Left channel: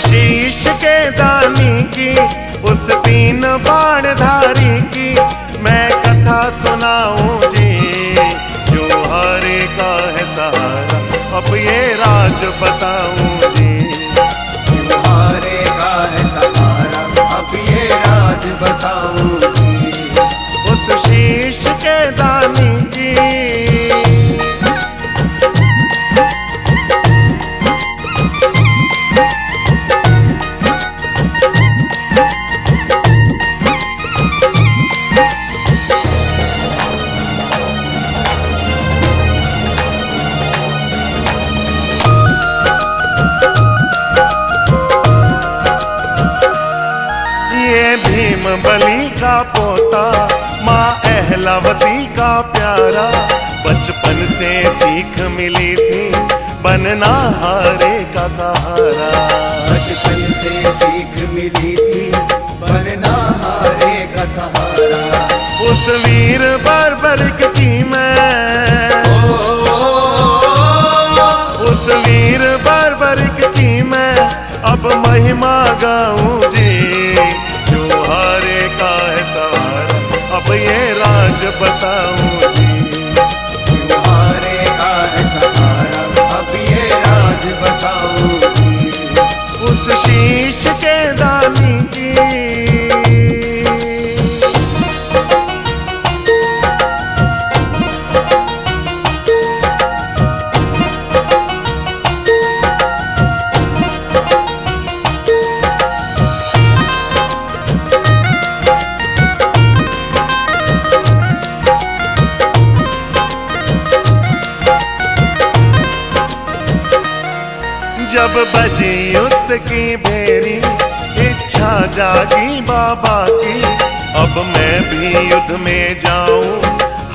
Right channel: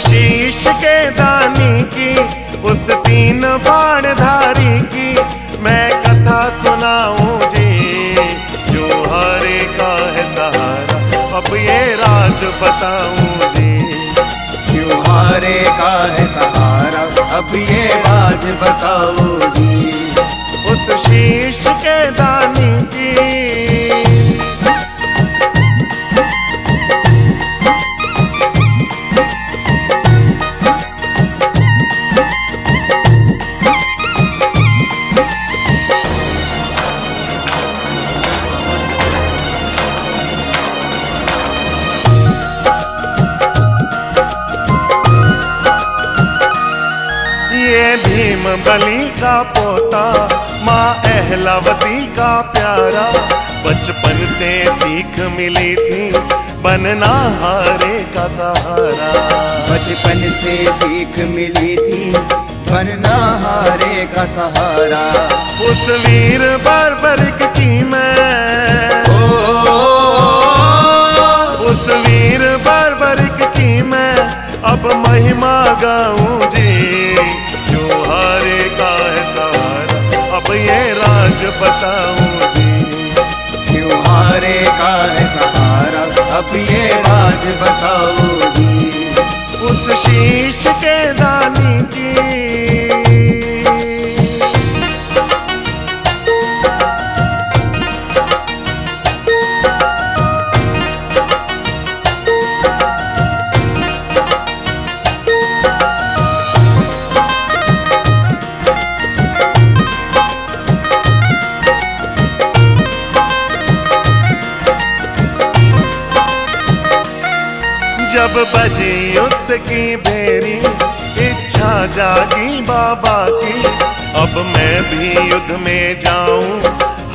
शीश के दानी की, उस तीन बाणधारी की मैं कथा सुनाऊं जी। जो हारे का है सहारा, अब ये राज बताऊं जी। जो हारे का है सहारा, अब ये राज बताऊं जी। उस शीश के दानी की। ये भीम बली का पोता, माँ अहलावती का प्यारा। बचपन से सीख मिली थी, बनना हारे का सहारा। बचपन से सीख मिली थी, बनना हारे का सहारा। उस वीर बर्बरिक की मैं, उस वीर बर्बरिक की मैं अब महिमा गाऊं जी। जो हारे का है सहारा, अब ये राज बताऊं जी। जो हारे का है सहारा, अब ये राज बताऊं जी। उस शीश के दानी की। जब बजी युद्ध की भेरी, इच्छा जागी बाबा की। अब मैं भी युद्ध में जाऊं,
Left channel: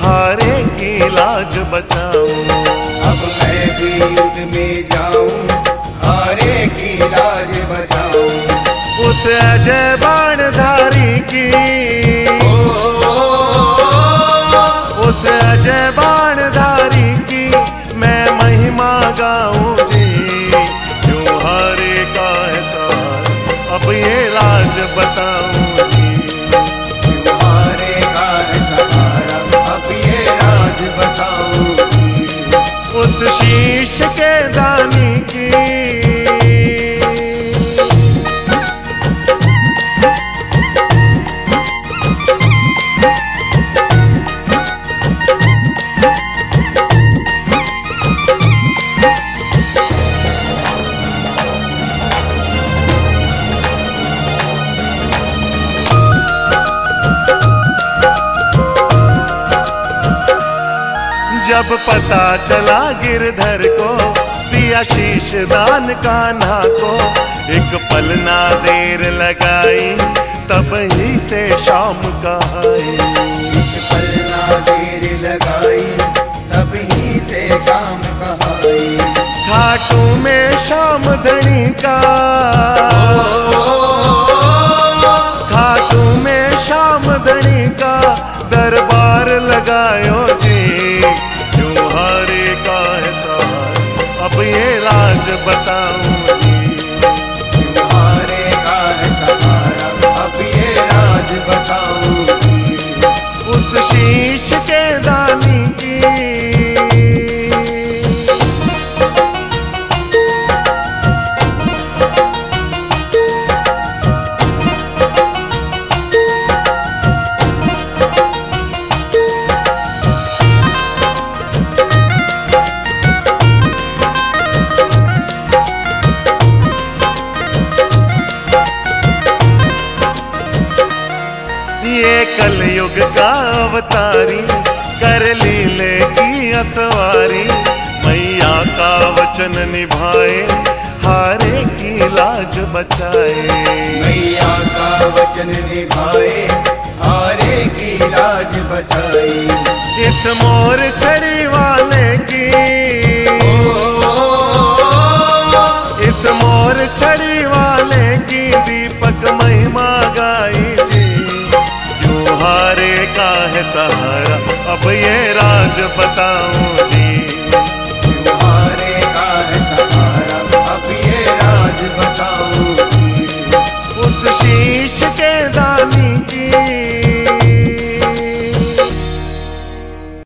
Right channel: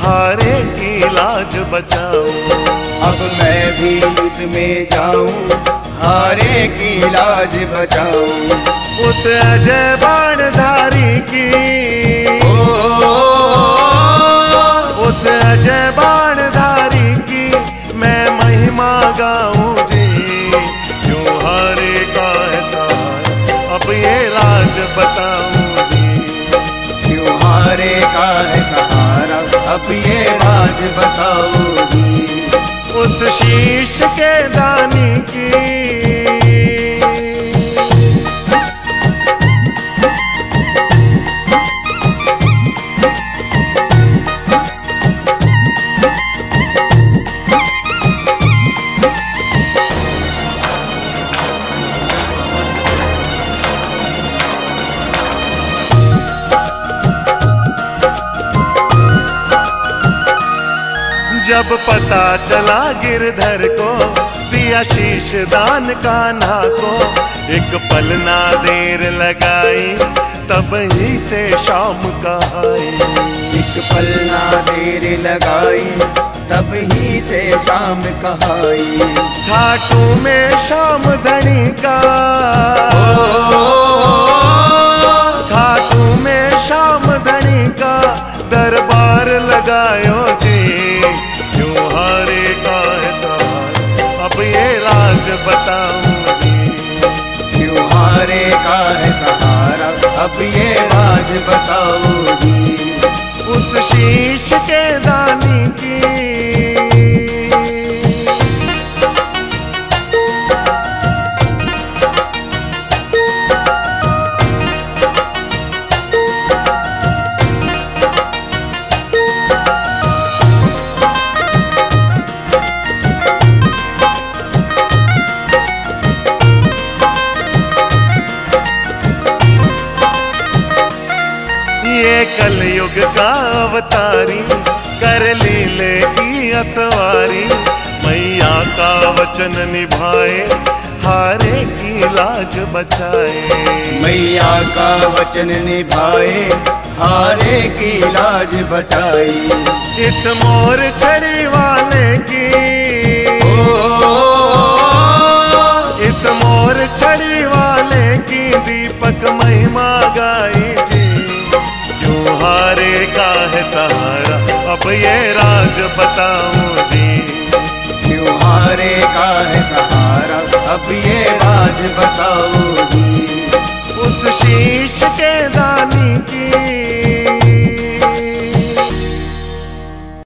हारे की लाज बचाऊं। अब मैं भी युद्ध में जाऊं, हारे की लाज बचाऊं। उस अजय बाणधारी की, उस अजय बाणधारी की मैं महिमा गाऊं जी। जो हारे का है सहारा, अब ये राज बताऊं जी। जो हारे का है सहारा, अब ये राज बताऊं जी। उस शीश के दानी की। जब पता चला गिरधर को, दिया शीश दान कान्हा को। एक पल ना देर लगाई, तब ही से शाम कहाई। एक पल ना देर लगाई, तब ही से शाम कहाई। खाटू में शाम धनी का, खाटू में शाम धनी का दरबार लगायो जी। जो हारे का है सहारा, अब ये राज बताऊं जी। जो हारे का है सहारा, अब ये राज बताऊं जी। उस शीश के दानी की। ये कलयुग का अवतारी, कर लीले की असवारी। मैया का वचन निभाए, हारे की लाज बचाए। मैया का वचन निभाए, हारे की लाज बचाई। इस मोर छड़ी वाले की, इस मोर छड़ी वाले की दीपक महिमा गाई जी। जो हारे का है सहारा, अब ये राज बताऊं जी। हारे का है सहारा, अब ये राज बताओ जी। उस शीश के दानी की